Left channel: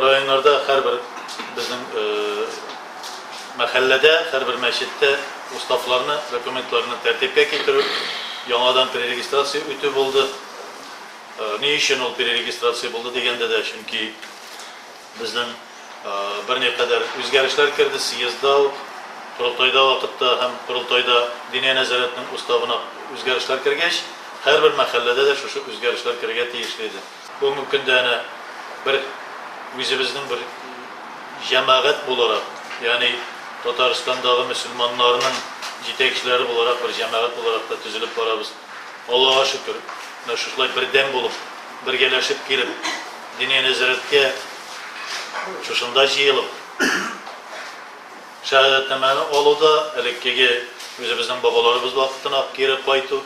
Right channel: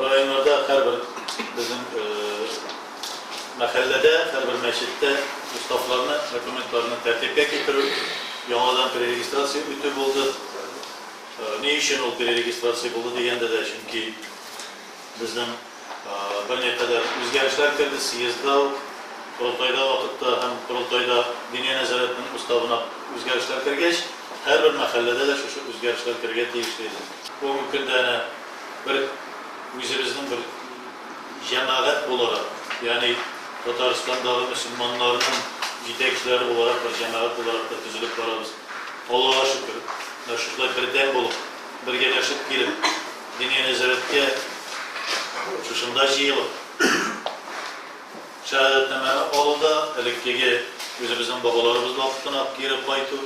rayonlarda her bir bizim mahallede, her bir meşitte ustaflarını, dokumentlarını tertibe getirip yanadan preregistrasiya ötüp oldu. Ne için ol preregistrasiya oldu degende de çünkü bizden bir ne kadar özgürlükler kirdi siyazda, kurultayda vakitte hem kurultayda dini nezaretinin ustavına özgürlükler kirgeç, her bir mahallede de şu özgürlükler kirget değişliydi. Bu mümkün de bir bizimizin bir cemaat olarak yani Tataristan'daki Müslümanların yetekçileri olarak bir cemaat olarak da tüzülüp varabız. Allah'a şükür. Şuşlar bir dem bulup, bir genelşip gelip, dini nezaretke şuşunda jiyılıp, şehadetnameni alıda elekkeге özümüzün bağalarımız vaktini ap girip baytu,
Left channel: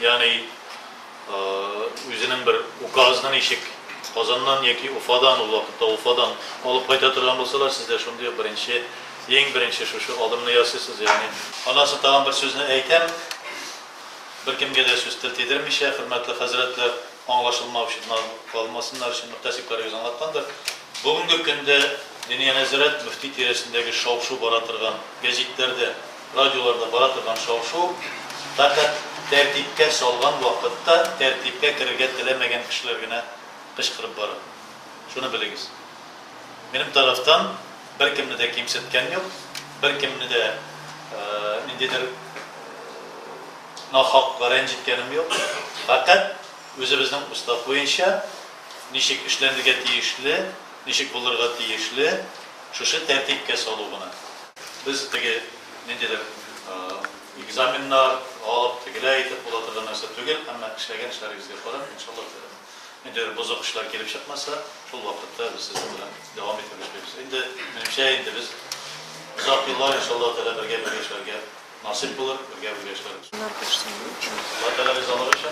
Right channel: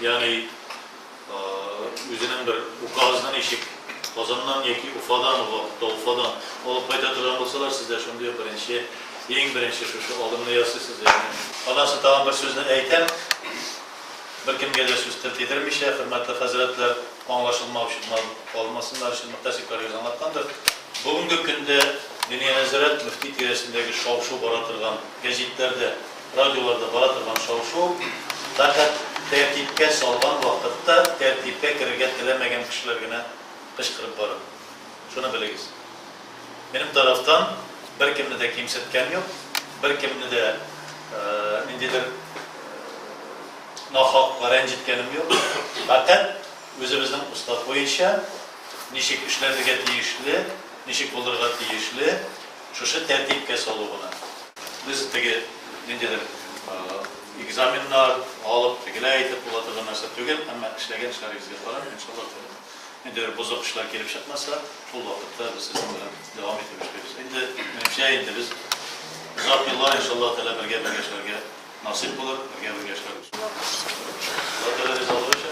yani özünün bir ukazından eşik, Kazandan yeki Ufadan o vakitte Ufadan alıp bayta duran olsalar sizler şunu yapar birinci şu aldımını yazıyorsunuz yani. Anası tamam bir sözünü eyken, bir kimge de söz tedirmiş ya, hürmetli hazretler anlaşılmak için kalmasınlar için müttesikler yüz anlattandır. Bugünkü günde Dünya Nezaret Müfti tiresindeki şovşu baratırgan, gazetlerde, radyolarda baratırgan şovşu, fakat tertipke salgan vakitte tertipke kirget edilemegen kişilerine kışkırıp varır. Şunu biliriz. Benim taraftan bir kimde de kimsetken yok, bir kimde de indidir nahak rencitkenim yok. Fakat özümüzden ustad boyunca nişik işlerdige tiyişli, nişik bulurga tiyişli, şuşu tertipke salıbına. Biz tege indidir egzaminler alıp tegile aytıp buladırgan narsa tügel, ama işlegen işler yüzge yaparım inşallah. Indidir bozuk işler gelip çıkmasa, şol vakitte biz sizinle devam etmişiz. Indi biz uzak yıllar inşallah birge geçerge nasip olur, birge geçeriz. Allah Teala biz alır için.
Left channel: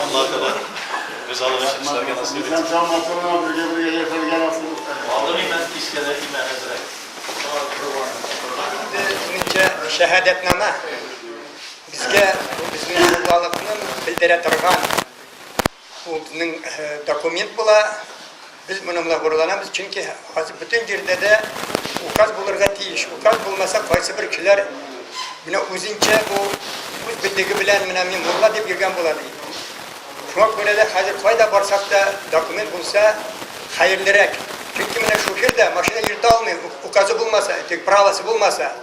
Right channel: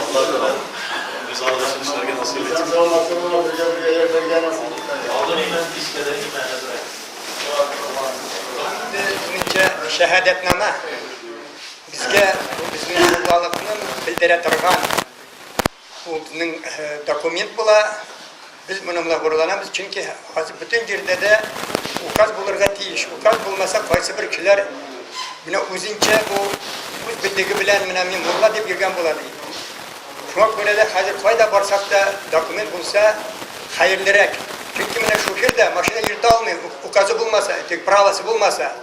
Allah Teala biz alır için işlerge nasip etsin. Aldın imen iskede imen hazret. Önce şehadetname bizge bizning mutluluğunu bildire turgan bu bizning dokument bula biz bununla gururlanamiz çünkü hozir bütün yerde de ukaz bulurga tiyish ukaz bulmasa qaysi bir kishilar buni o'zincha bu o'z bildigi bilan men mulla deb yurgan bo'ladi. Shunga ko'ra da hozir qayda borsak da dokument bo'lsa xayrliroq. Çünkü mana shu yerda mashina yurta olmaydi, ukazi bo'lmasa, pravosi bo'lmasa